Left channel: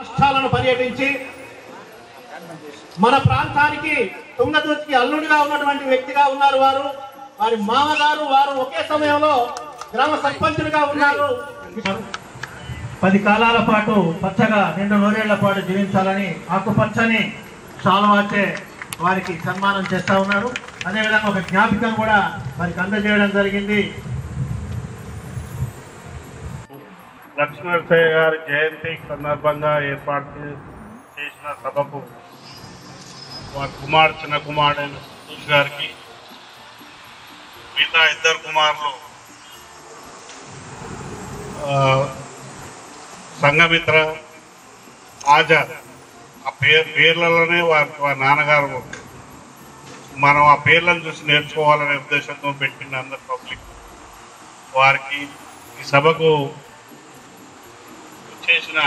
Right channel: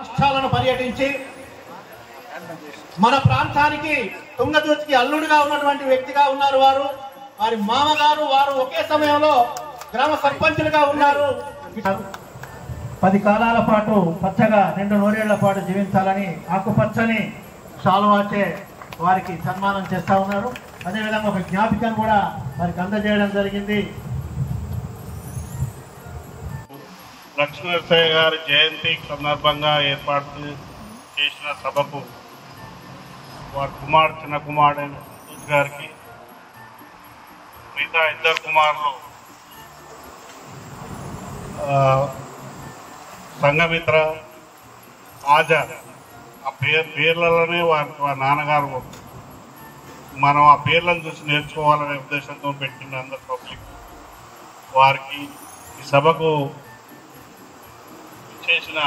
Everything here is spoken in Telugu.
రాష్ట్రాలను పర్యటించి మన ప్రాంతానికి తుంగతుర్తికి అల్లుడిగా ఉన్నటువంటి వ్యక్తిగా ఉన్నారు వారు. వారి మామగారు వారు ఒకే సమయంలో గ్రామ సర్పంచులుగా ఉన్నారు. 10 కాలాల పాటు పచ్చగా 2 నూరేళ్ల పాటు జీవించాలని ఆకుపచ్చని శాలువాచే వారికి సన్మానం చేస్తా ఉన్నారు. అదేవిధంగా ఒక జ్ఞాపికం కూడా వారికి అందజేయడం జరిగింది. లక్ష్మీనరసయ్య గారి జయంతి సందర్భంగా ఏర్పాటు చేసిన సభకు వారి చిన్న కుమారుడైన సంతోష్ గారికి, మిగతా 2 కుమారులు సంఘమిత్ర ఆజాద్, ఆ పేర్లలోనే వారి నాన్నగారు, మనం ఆ పేర్లను చూసి నేర్చుకోవాలనే ఉద్దేశంతో పెట్టిన అందరు పబ్లిక్ వారికి ఈ సభకు చేసిన